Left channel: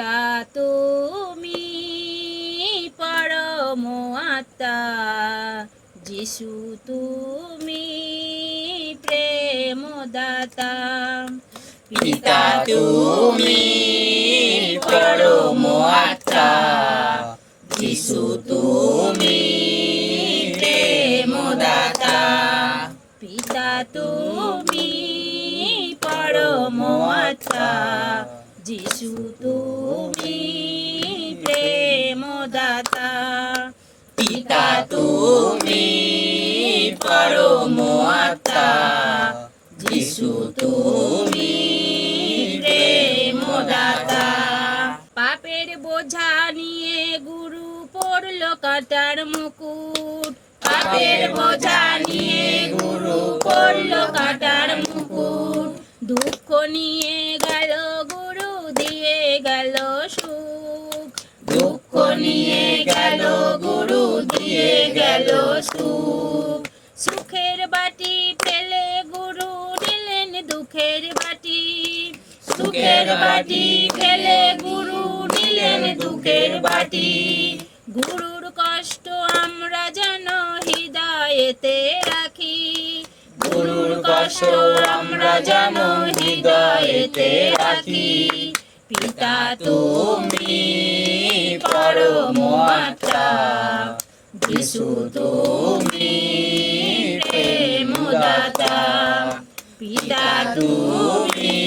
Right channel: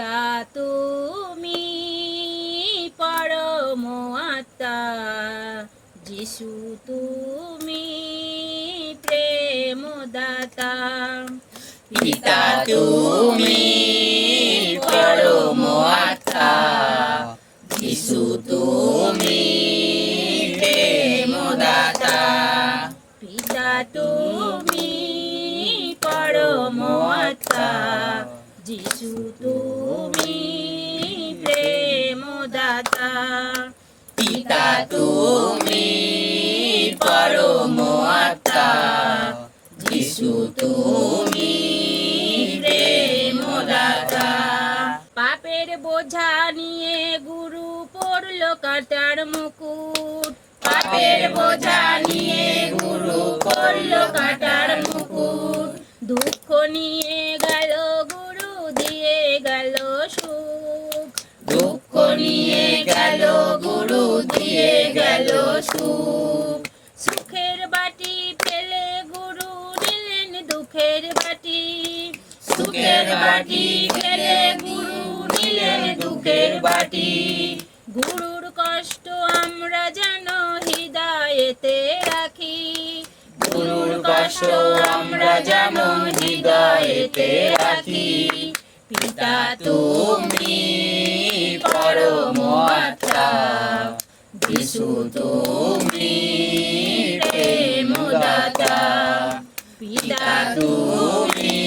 পিতা তুমি, পরম আত্মা। যিশু তুমি প্রেম দাতা পিতা তুমি, পরম আত্মা। যিশু তুমি প্রেম দাতা পিতা তুমি, পরম আত্মা। যিশু তুমি আত্মা যিশু তুমি পাপের বোঝা নিয়ে গুরু পড়ল কাটার মুকুট। পাপের বোঝা নিয়ে গুরু পড়ল কাটার মুকুট। দুঃখ নিয়ে গেল গুরু দিয়ে গেল সুখ। দুঃখ নিয়ে গেল গুরু দিয়ে গেল সুখ। দুঃখের বাটি, সুখের বাটি ফেলে গুরু নিলেন দুঃখের বাটি। গুরুর কষ্ট আমরা যেন হৃদয়েতে রাখি। গুরুর কষ্ট আমরা যেমন হৃদয়েতে রাখি। পিতা তুমি পরম আত্মা। যিশু তুমি প্রেম দাতা পিতা তুমি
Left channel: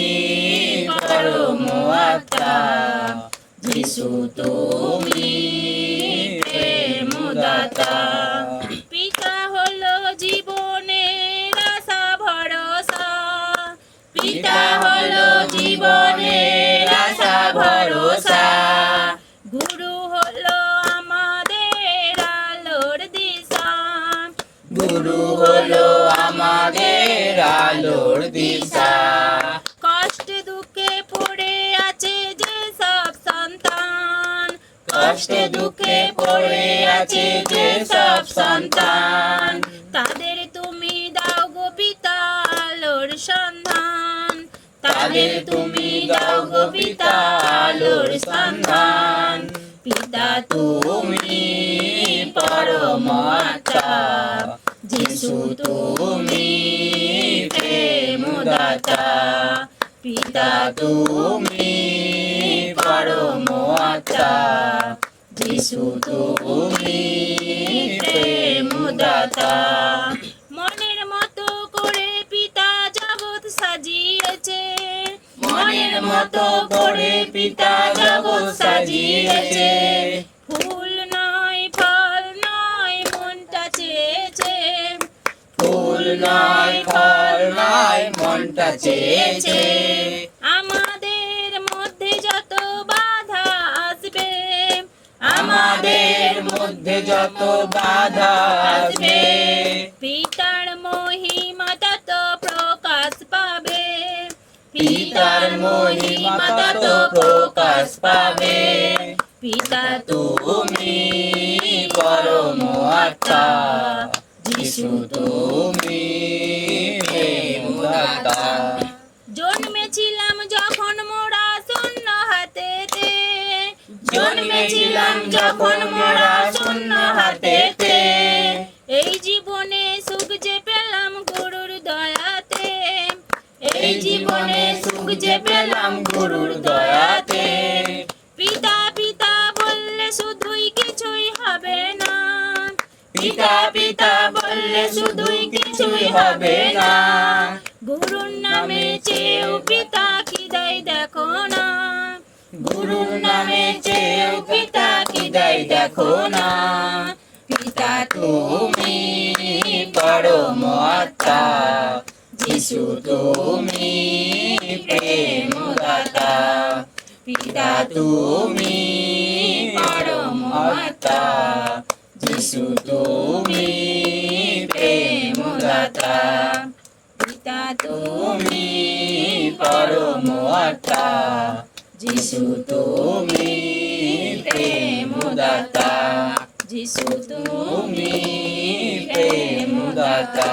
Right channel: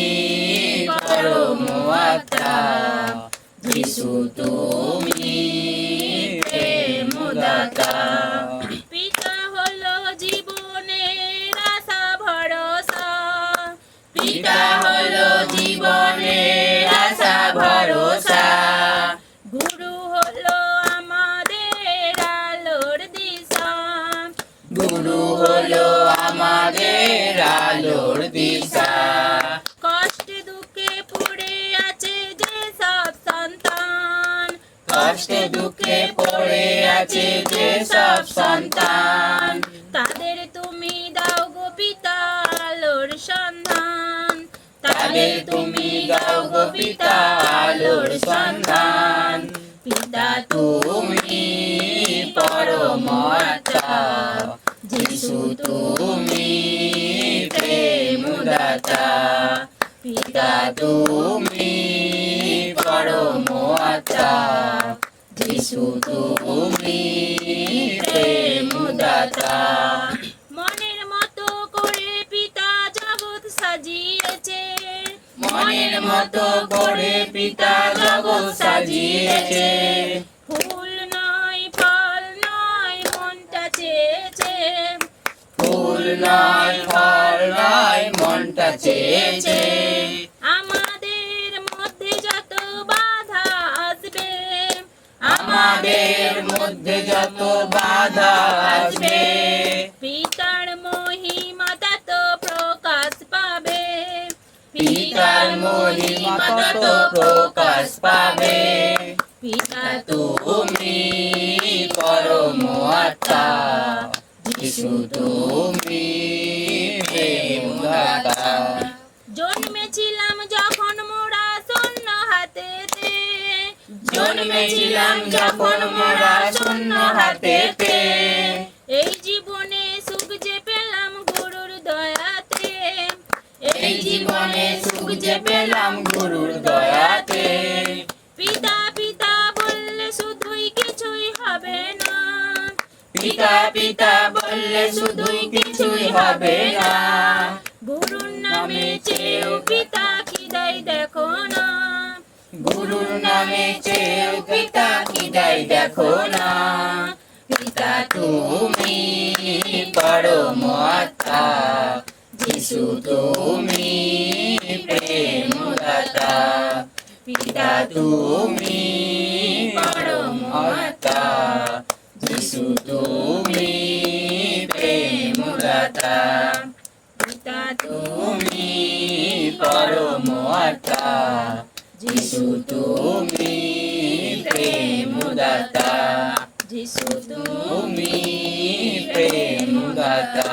পরম আত্মা যিশু তুমি প্রেম দাতা। পিতা হলো জীবনের আশা ভরসা। পিতা হলো জীবনের আশা ভরসা। গুরু হলো আমাদের আলোর দিশা। গুরু হলো আমাদের আলোর দিশা। কষ্ট দুঃখে পড়ে আছে যে সব সন্তান। কষ্ট দুঃখে পড়ে আছে যে সব সন্তান। তাদের তুমি দাও গো পিতা আলোর সন্ধান। তাদের তুমি দাও গো পিতা আলোর সন্ধান। পিতা তুমি পরম আত্মা। যিশু তুমি প্রেম দাতা পিতা তুমি পরম আত্মা যিশু তুমি প্রেম দাতা মনের মতো করে পিতা জগৎ সাজিয়েছে। মনের মতো করে পিতা জগৎ সাজিয়েছে। নয় ফল নয় মনটা চেয়েছে। আমাদের মধ্যে যত বাধা আসবে আমাদের মধ্যে যত বাধা আসবে। পিতার মহিমা তত প্রকাশ পাবে। পিতার মহিমা তত প্রকাশ পাবে। পিতা তুমি পরম আত্মা। যিশু তুমি জন্মেছিলাম যখন মোরা শূন্য হাতেতে। জন্মেছিলাম যখন মোরা শূন্য হাতেতে। এই জীবনে সুখ যে পেলাম গুরুর দয়াতে। এই জীবনে সুখ যে পেলাম গুরুর দয়াতে। পিতা পিতা বললে শুধুই কিছুই হবে না। গুরুর নামে চেয়েও পিতা কি দেয় দেখো না। গুরুর নামে চেয়েও পিতা কি দেয় দেখো না। পিতা তুমি পরম আত্মা যিশু তুমি প্রেম দাতা পিতা তুমি পরম আত্মা। যিশু তুমি প্রেম দাতা পিতা তুমি পরম আত্মা যিশু তুমি প্রেম দাতা যিশু তুমি প্রেম দাতা